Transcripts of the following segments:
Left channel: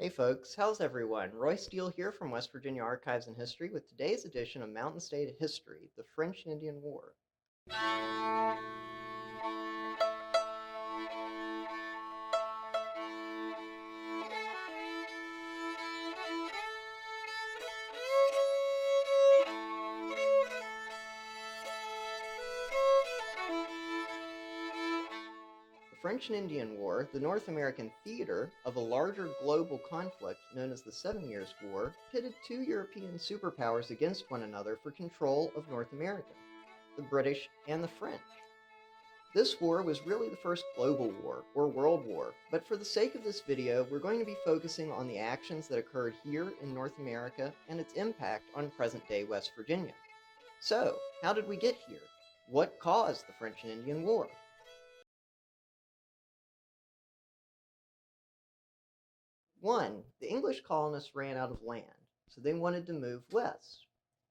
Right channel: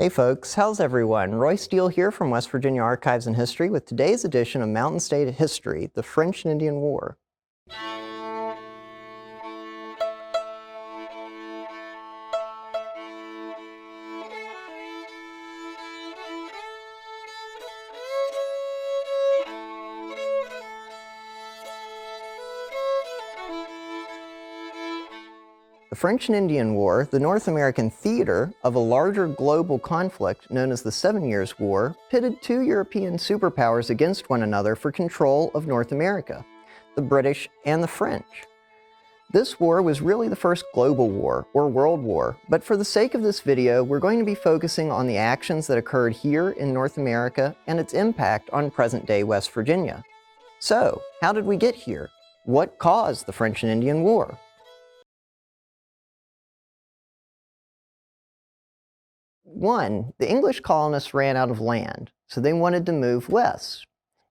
Hey folks, how's everyone? Roy Steele here from West Virginia Archives and History with today's edition of Mountain State History, the French and Indian War. The French and Indian War, the North American theater of a larger global conflict known as the 7 Years' War, pitted two European superpowers against one another for control of North America, the British and the French. This war was really the first global war, or world war, but for the sake of this video, we're going to be focusing on the actions that occurred here in North America and its impact on present-day West Virginia. So, how did we get here? What caused the French and Indian War? 1. The English colonists ran out of land, so they wanted to move west.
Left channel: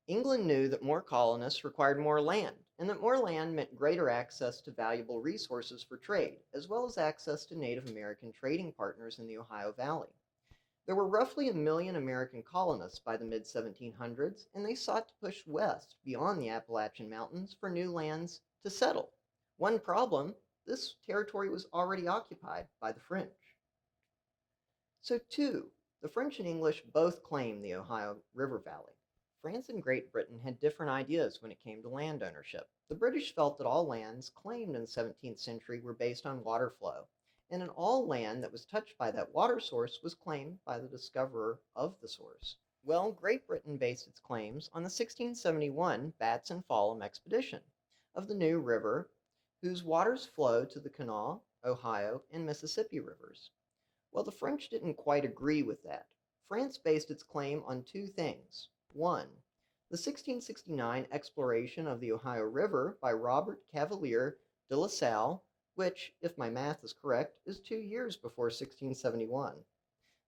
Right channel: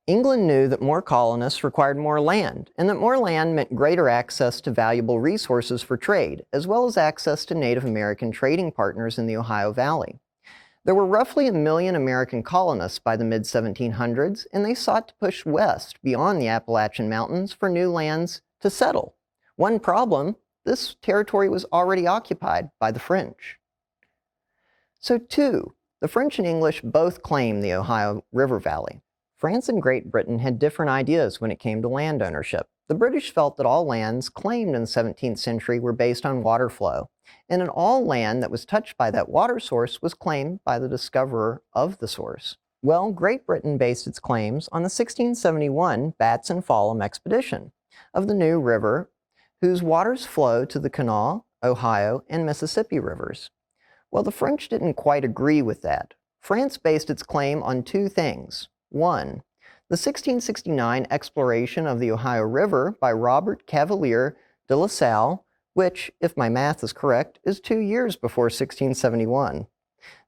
England knew that more colonists required more land, and that more land meant greater access to valuable resources for trade, as well as access to Native American trading partners in the Ohio Valley. There were roughly 1 million American colonists by the mid-1700s, and they sought to push west beyond the Appalachian Mountains for new lands to settle. One problem: this territory was already occupied by the French. So 2. The French and English both claimed the Ohio River Valley. France and Great Britain had different ideas when it came to land ownership. The British felt that all lands claimed in the 17th century were based on water flow, and that all land that was touched by that water source was claimed by the discoverer of the source. Well, Great Britain based its claims on the 1671 Bats and Fallam expedition of the New River, whose waters flow to the Kanawha, Ohio, and Mississippi rivers. Well, the French didn't quite agree with that. France based its claim on two things. 1. The 1669 exploration of the Ohio River by Robert Cavelier de La Salle, which, if my math is correct, is 2 years before 1671.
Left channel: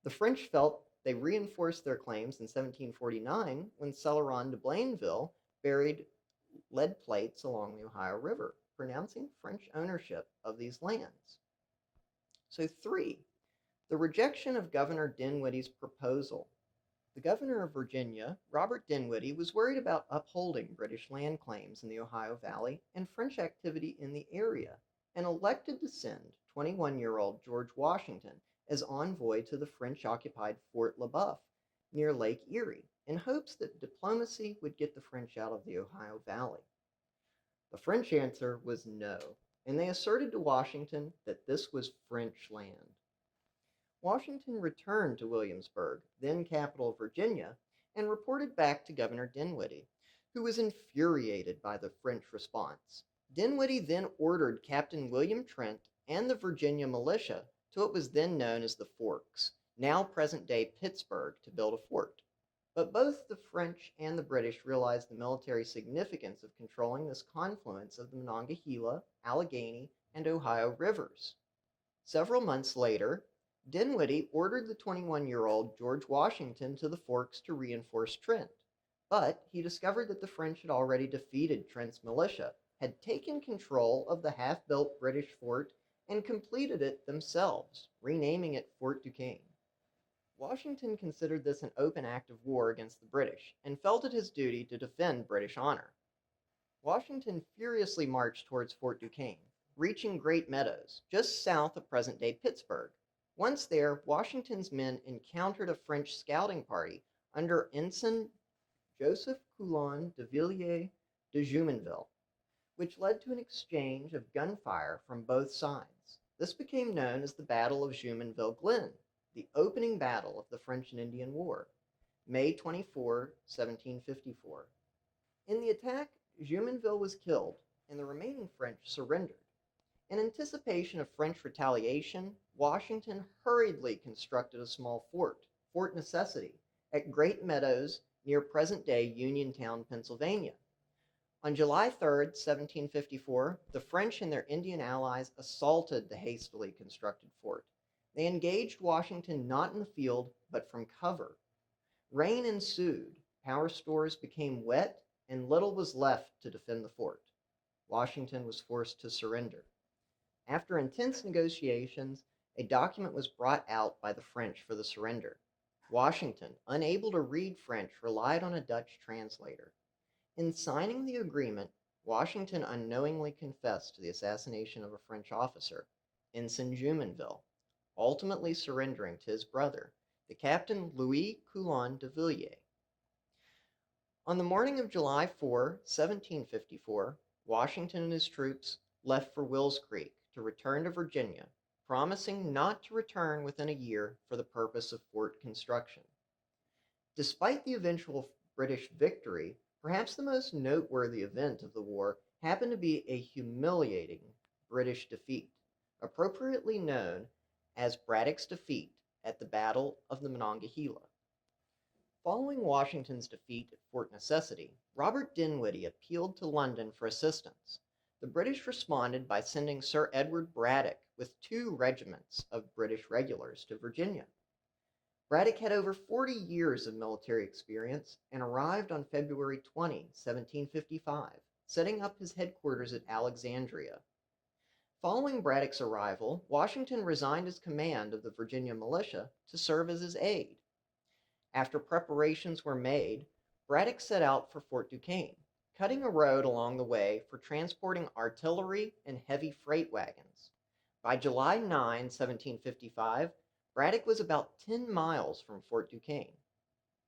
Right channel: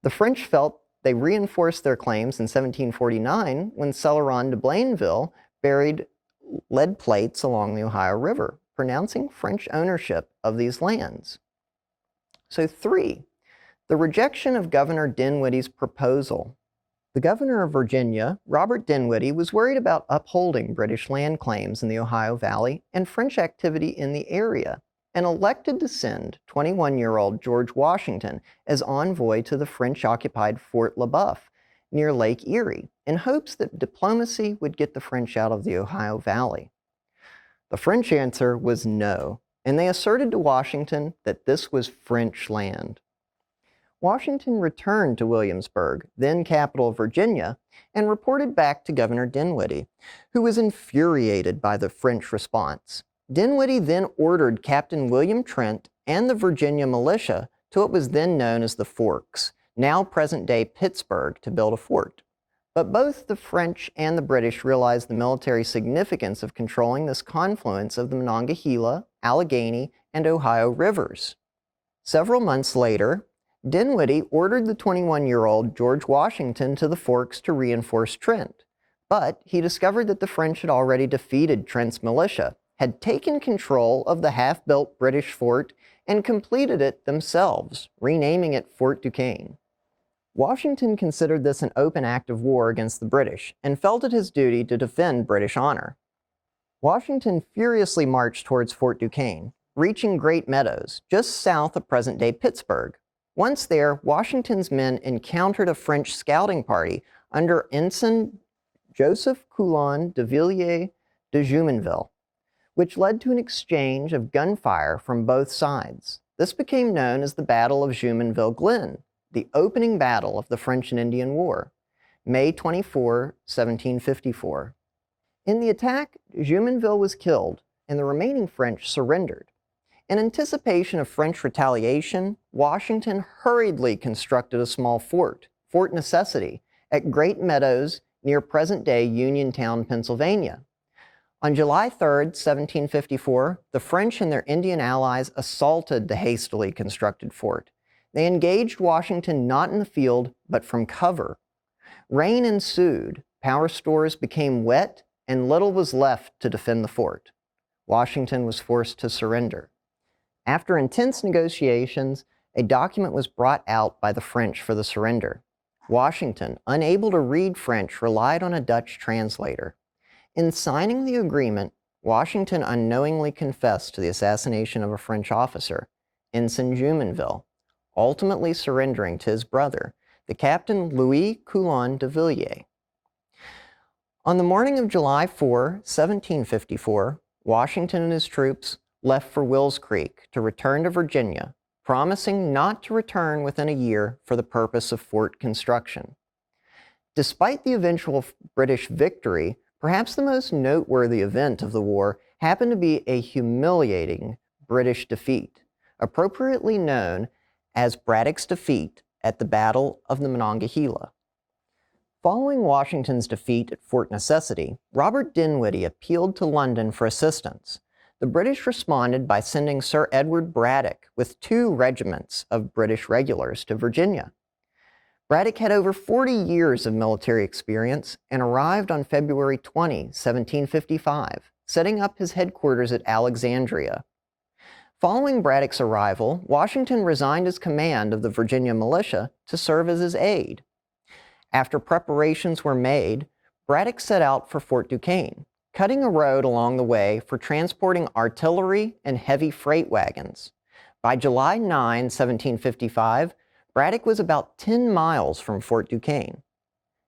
The French felt they reinforced their claims in 1749 when Celeron de Blainville buried lead plates along the Ohio River, pronouncing French ownership of these lands. So 3. The rejection of Governor Dinwiddie's proposal. The governor of Virginia, Robert Dinwiddie, was worried about upholding British land claims in the Ohio Valley and French activity in the area, and elected to send 21-year-old George Washington as envoy to the French-occupied Fort Le Boeuf near Lake Erie, in hopes that diplomacy would get the French out of the Ohio Valley. The French answer was no, and they asserted to Washington that this was French land. Washington returned to Williamsburg, then capital of Virginia, and reported back to Governor Dinwiddie, who was infuriated by the French response. Dinwiddie then ordered Captain William Trent and the Virginia militia to what was then known as the Forks, now present-day Pittsburgh, to build a fort. But both the French and the British realized the military significance of controlling this confluence of the Monongahela, Allegheny, and Ohio rivers. Several months later, Dinwiddie ordered the 21-year-old George Washington to the Forks to reinforce Trent, but he discovered that the French had already defeated Trent's militia, had taken control of the half-built British fort, and completed it themselves, renaming it Fort Duquesne. Washington considered this an open act of war against the British, and felt it his duty to defend British honor. Washington furiously marched towards Fort Duquesne, reaching Great Meadows, just south of present-day Pittsburgh. Once there, Washington's men encountered a French scouting party under Ensign Joseph Coulon de Villiers de Jumonville, which led to an exchange of gunfire from both sides. This became known as the Battle of Jumonville Glen, the opening battle of the French and Indian War, May 24, 1754. In the attack, Jumonville was killed, and the remaining French surrendered. In anticipation of French retaliation, Washington hurriedly constructed a small fort, Fort Necessity, at Great Meadows near present-day Uniontown, Pennsylvania. On July 3, 1754, the French and their Indian allies assaulted the hastily constructed fort. They engaged Washington not in the field, but from cover. Rain ensued, power stores became wet, and little was left to defend the fort. Washington was forced to surrender. After intense negotiations, a document was brought out by the French for the surrender. Washington, unable to read French, relied on a Dutch translator. In signing the agreement, Washington unknowingly confessed to the assassination of a French officer, Ensign Jumonville, ultimately surrendering to his brother, the Captain Louis Coulon de Villiers. On the morning of July 4, 1754, Washington and his troops left for Wills Creek to return to Virginia, promising not to return within a year for the purpose of fort construction. Despite the eventual British victory, perhaps the most noteworthy event of the war happened to be a humiliating British defeat, appropriately known as Braddock's defeat at the Battle of the Monongahela. Following Washington's defeat at Fort Necessity, Robert Dinwiddie appealed to London for assistance. The British responded by sending Sir Edward Braddock with 2 regiments of British regulars to Virginia. Braddock had over 40 years of military experience and arrived on February 20, 1755, setting up his headquarters at Alexandria. Following Braddock's arrival, Washington resigned his command of the Virginia militia to serve as his aide. After preparations were made, Braddock set out for Fort Duquesne, cutting a road along the way for transporting artillery and heavy freight wagons. By July 9, 1755, Braddock was about 10 miles from Fort Duquesne.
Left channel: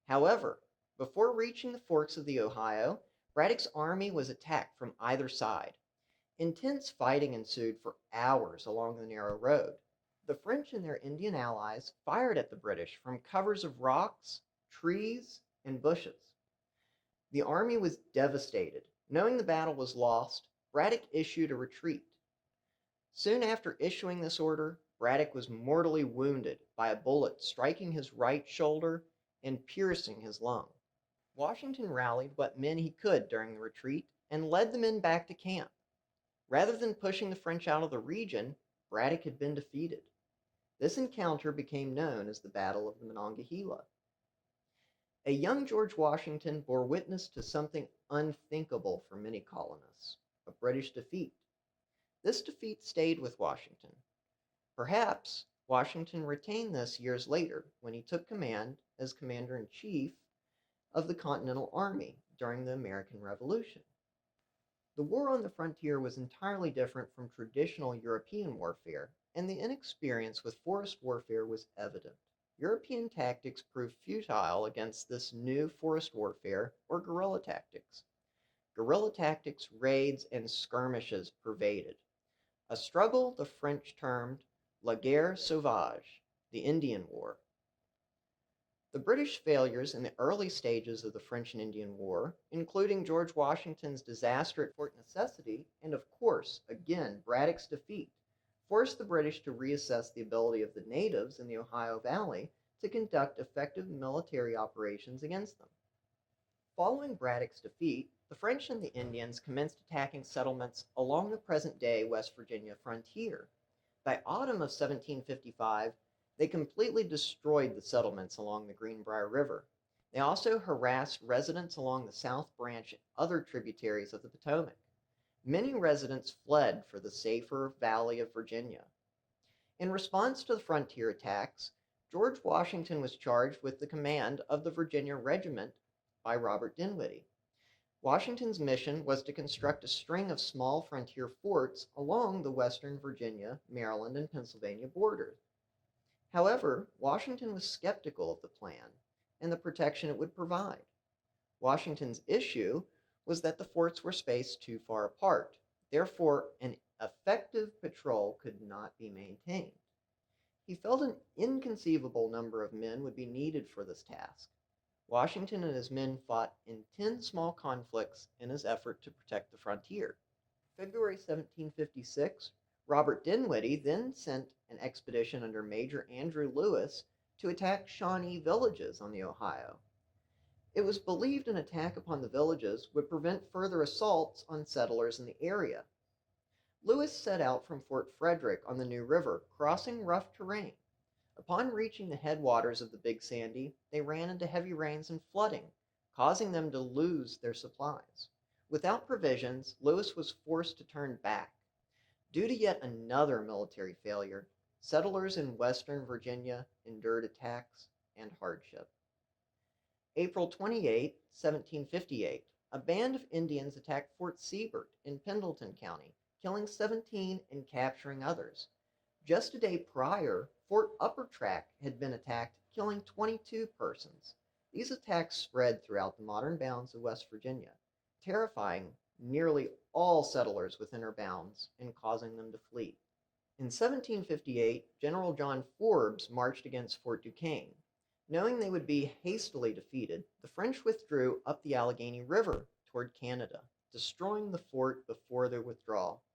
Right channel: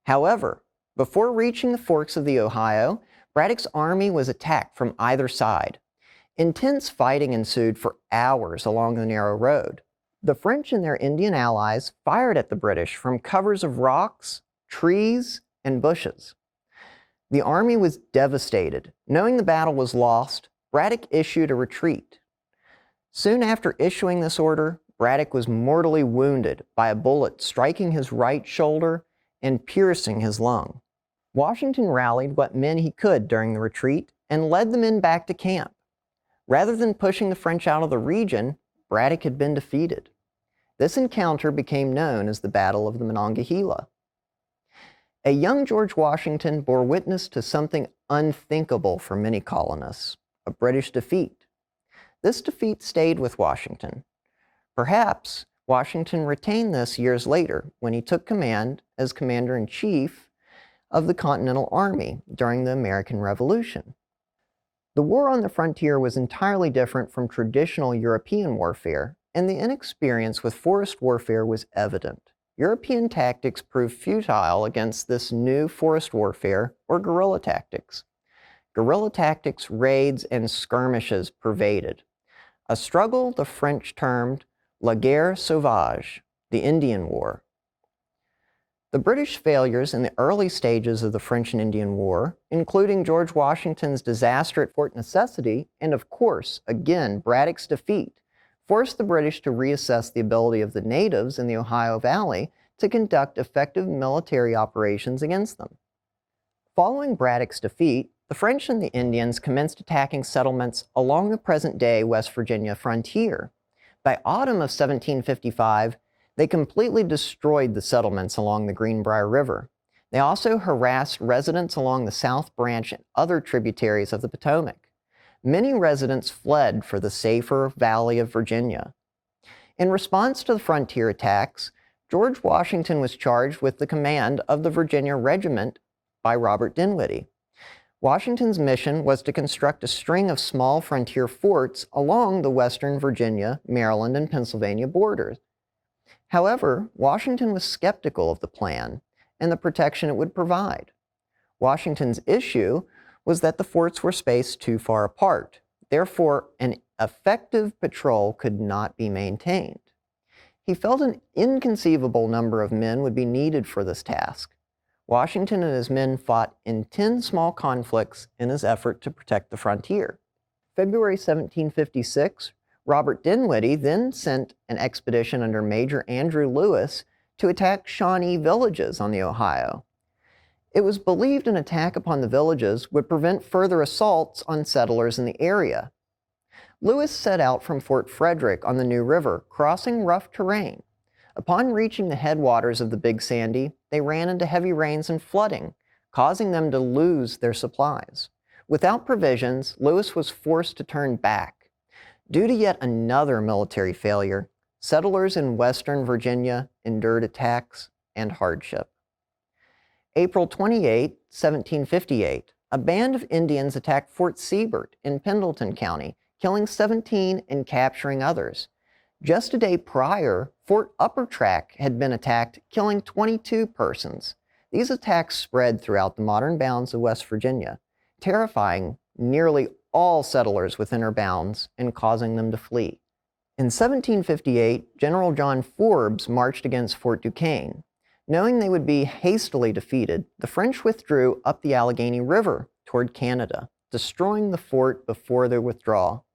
However, before reaching the forks of the Ohio, Braddock's army was attacked from either side. Intense fighting ensued for hours along the narrow road. The French and their Indian allies fired at the British from covers of rocks, trees, and bushes. The army was devastated. Knowing the battle was lost, Braddock issued a retreat. Soon after issuing this order, Braddock was mortally wounded by a bullet striking his right shoulder and piercing his lung. Washington rallied what men he could during the retreat and led the men back to camp. Rather than pushing the French out of the region, Braddock had been defeated. This encounter became known as the Battle of the Monongahela. A young George Washington bore witness to something unthinkable for many colonists, a British defeat. This defeat stayed with Washington. Perhaps Washington retained this years later when he took command as Commander-in-Chief of the Continental Army during the American Revolution. The war on the frontier was entirely different from traditional European warfare, and the inexperience with forest warfare was evident. European tactics proved futile against this new forest warfare or guerrilla tactics. Guerrilla tactics, raids, and skirmishes pervaded. A struggle the French termed La Guerre Sauvage, the Indian War. The British failures in the early stages of the French and Indian War, including George Washington's disaster at Fort Necessity, and of course, again, Braddock's defeat, forced the British to reassess the ability of the natives in the Ohio Valley to conduct effective military operations against them. Following Braddock's defeat, the French and the Indians commenced attacking settlements along the present-day West Virginia frontier. By autumn of 1755, they completely destroyed the settlements along the Greenbrier River. They also harassed residents along the South Branch and other tributaries of the Potomac. Many residents fled for the safer Valley of Virginia. In response to the frontier attacks, George Washington was charged with the command of the Virginia Regiment by Robert Dinwiddie. Washington's mission was to construct a string of small frontier forts along the western Virginia, Maryland, and Pennsylvania borders. However, Washington was skeptical of the plan and the protection it would provide. Washington's issue was that the forts were spaced too far apart. Therefore, an effective patrol could not be maintained. He felt an inconceivable number of men would be needed for this task. Washington and his men fought in 10 small conflicts in his effort to protect the frontier. February 1756, Robert Dinwiddie then sent an expedition under Major Andrew Lewis to attack Shawnee villages on the Ohio. It was believed an attack upon the villages would prevent further assaults on settlers in the area. Lewis set out from Fort Frederick on the New River, crossing rough terrain. Upon reaching the headwaters of the Big Sandy, they ran into heavy rains and flooding, causing them to lose their supplies. Without provisions, Lewis was forced to turn back. Due to yet another military failure, settlers in western Virginia endured attacks and hardship. April 28, 1758, a band of Indians attacked Fort Siebert in Pendleton County, killing 17 and capturing others. Just a day prior, Fort Upper Track had been attacked, killing 22 persons. These attacks spread throughout the modern bounds of West Virginia, terrifying nearly all settlers within her bounds and causing them to flee. In 1758, General John Forbes marched against Fort Duquesne. Knowing they would be hastily defeated, the French withdrew up the Allegheny River toward Canada, destroying the fort before their withdrawal.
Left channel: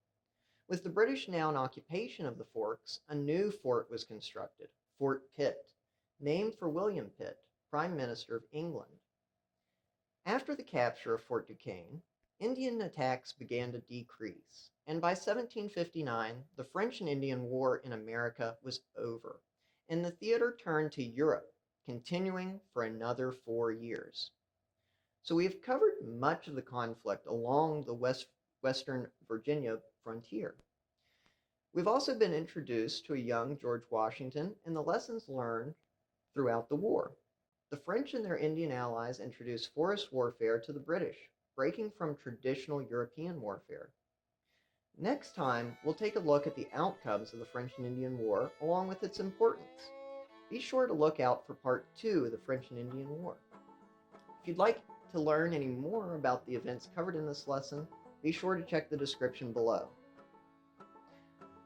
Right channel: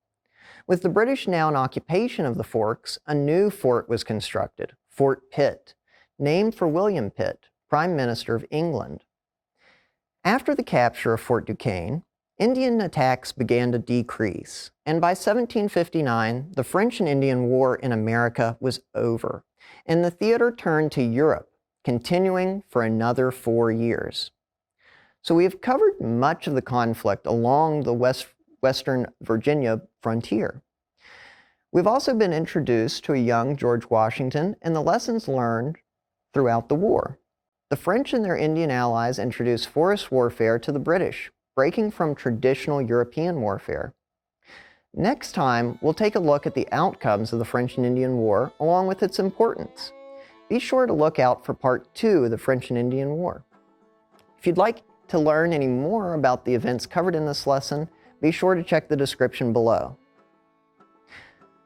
With the British now in occupation of the Forks, a new fort was constructed, Fort Pitt, named for William Pitt, Prime Minister of England. After the capture of Fort Duquesne, Indian attacks began to decrease, and by 1759, the French and Indian War in America was over, and the theater turned to Europe, continuing for another 4 years. So we have covered much of the conflict along the western Virginia frontier. We've also been introduced to a young George Washington and the lessons learned throughout the war. The French and their Indian allies introduced forest warfare to the British, breaking from traditional European warfare. Next time, we'll take a look at the outcomes of the French and Indian War along with its importance. Be sure to look out for Part 2 of the French and Indian War. If you'd like to learn any more about the events covered in this lesson, be sure to check the description below.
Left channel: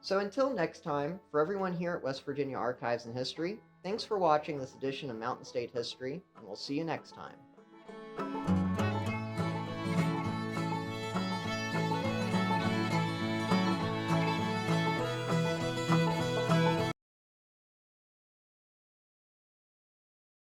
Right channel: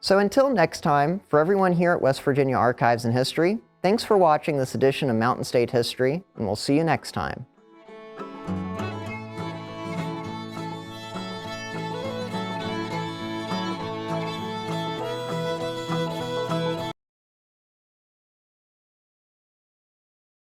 So until next time, for everyone here at West Virginia Archives and History, thanks for watching this edition of Mountain State History, and we'll see you next time.